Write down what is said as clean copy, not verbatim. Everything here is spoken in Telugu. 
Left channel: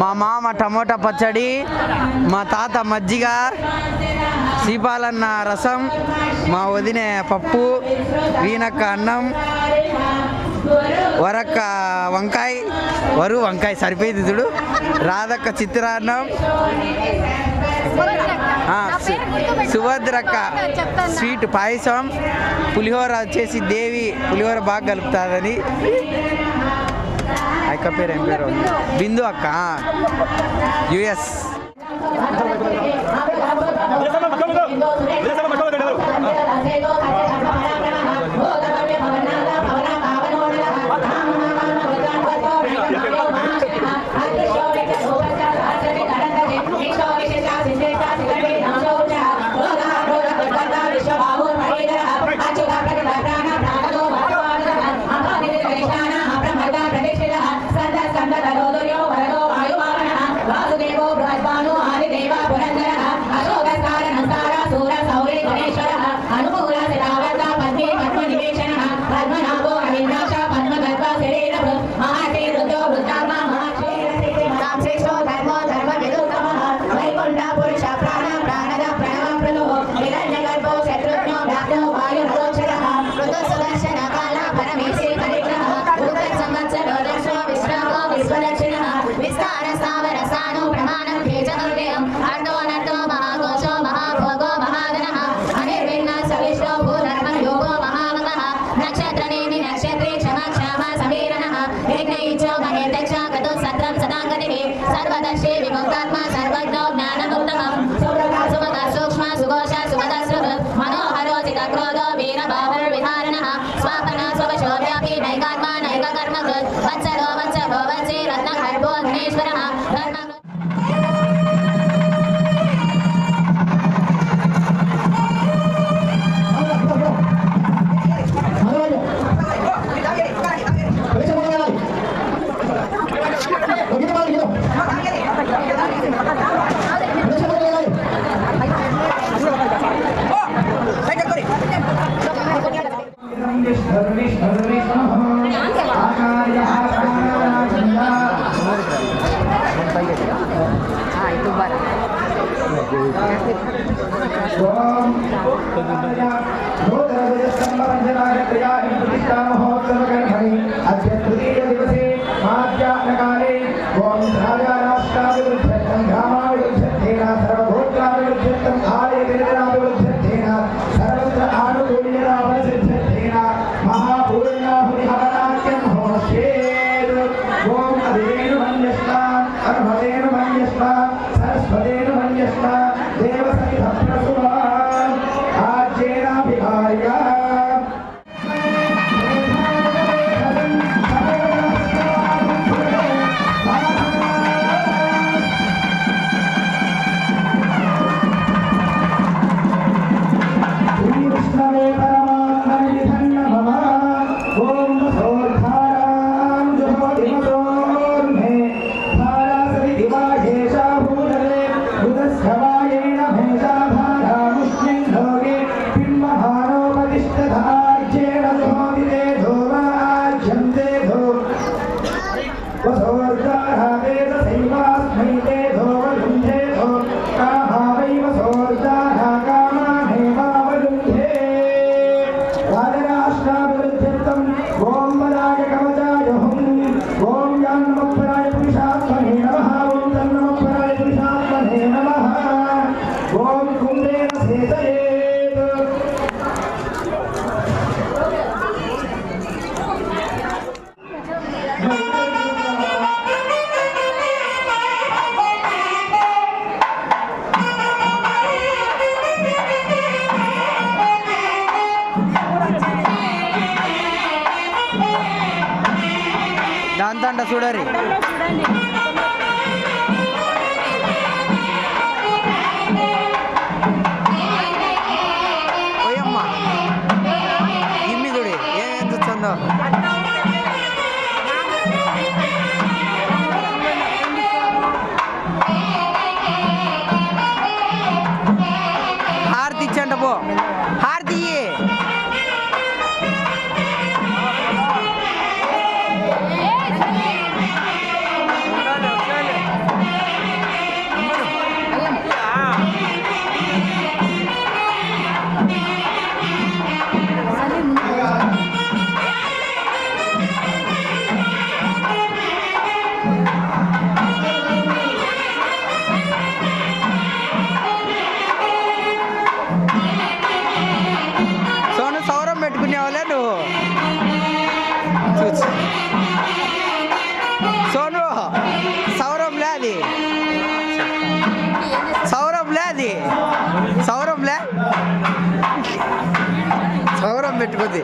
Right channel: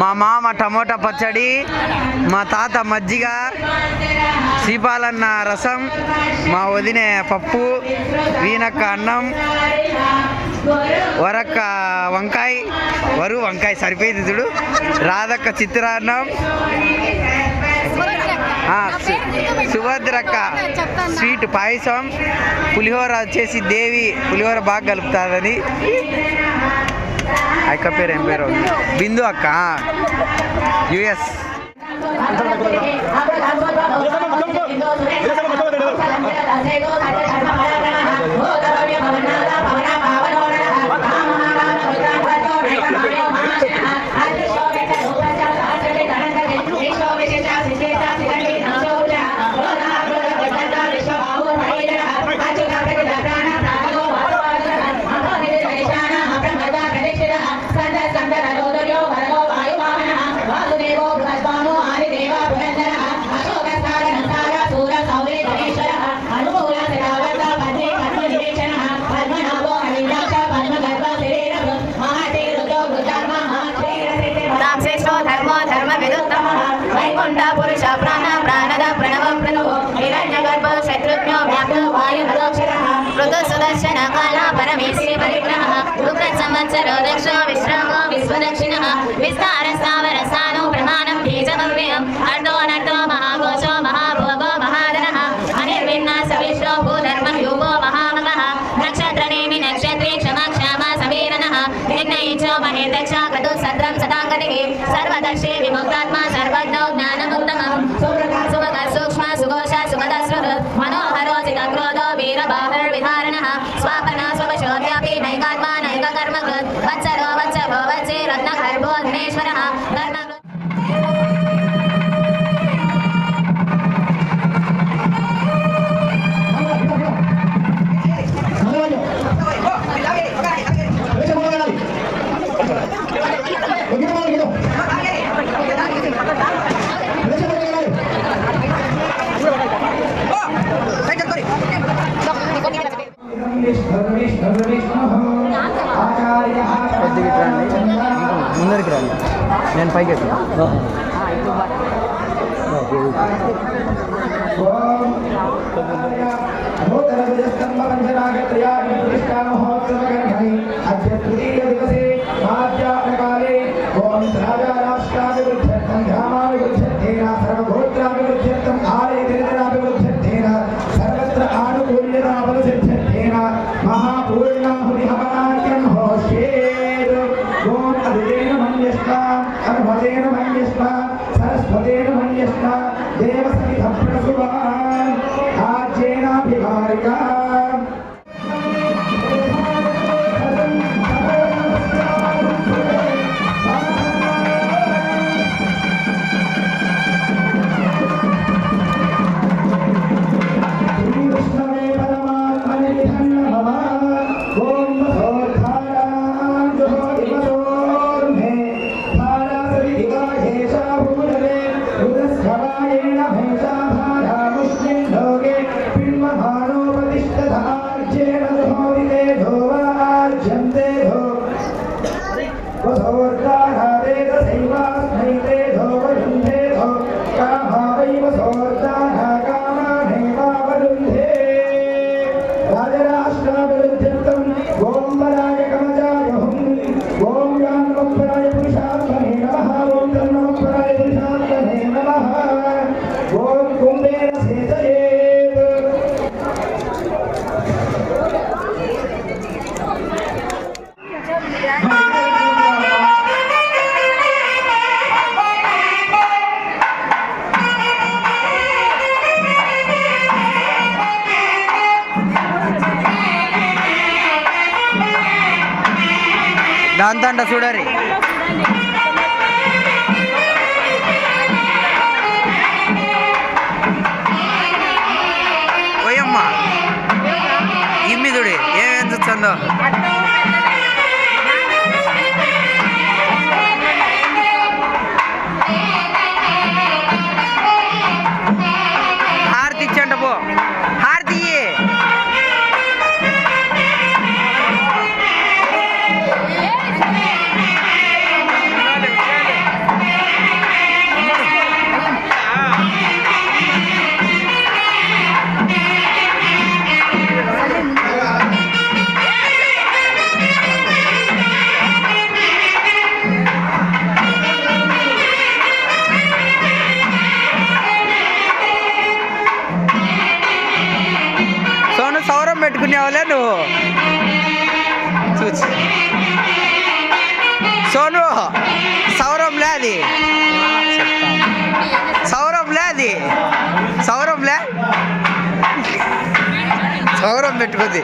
మా మామ టమోటా పచ్చడి, మా తాత మజ్జిగ, సీపాలన్న రసం, మా వదిన పప్పు, వీనక్క అన్నం, వరక్క వంకాయ, వంకాయ సరిపోయింది చూడు, రాధక్క చిత్రాన్నం, సుభద్రక్క స్వీట్ పాయసం, పులిహోర వచ్చేసి దేవి పులిహోర బాగా కలుపుతుందని. అక్క పేరు ఏం పేరు? బిందు అక్క, యుఎస్. सर्वदर्शी विमुक्तात्मा सर्वज्ञो ज्ञानमुत्तमं सुमग सूक्ष्म सुघोष सुमदस्रुः मनोहरोचित क्रोधो वीरबाहुर्विधारणः स्वापना स्ववशोऽप्यापि नैकात्मा नैककर्मकृत् वत्सरो वत्सभो वत्से रत्नगर्भो धनेश्वरः धर्मकृत् నేను పైకి అంట చూడరి. పోయమ్మ ఇమ్మి చూడి ఏమేం చూస్తుందో. హారతి ఇచ్చంట పో, హారతి ఇయ్యి. సోను సౌరం పెట్టుకునేవాళ్ళే నువ్వు చూసి. సోను సౌరంలే అది, సౌరంలే అది, సౌరం పెట్టుకుంది.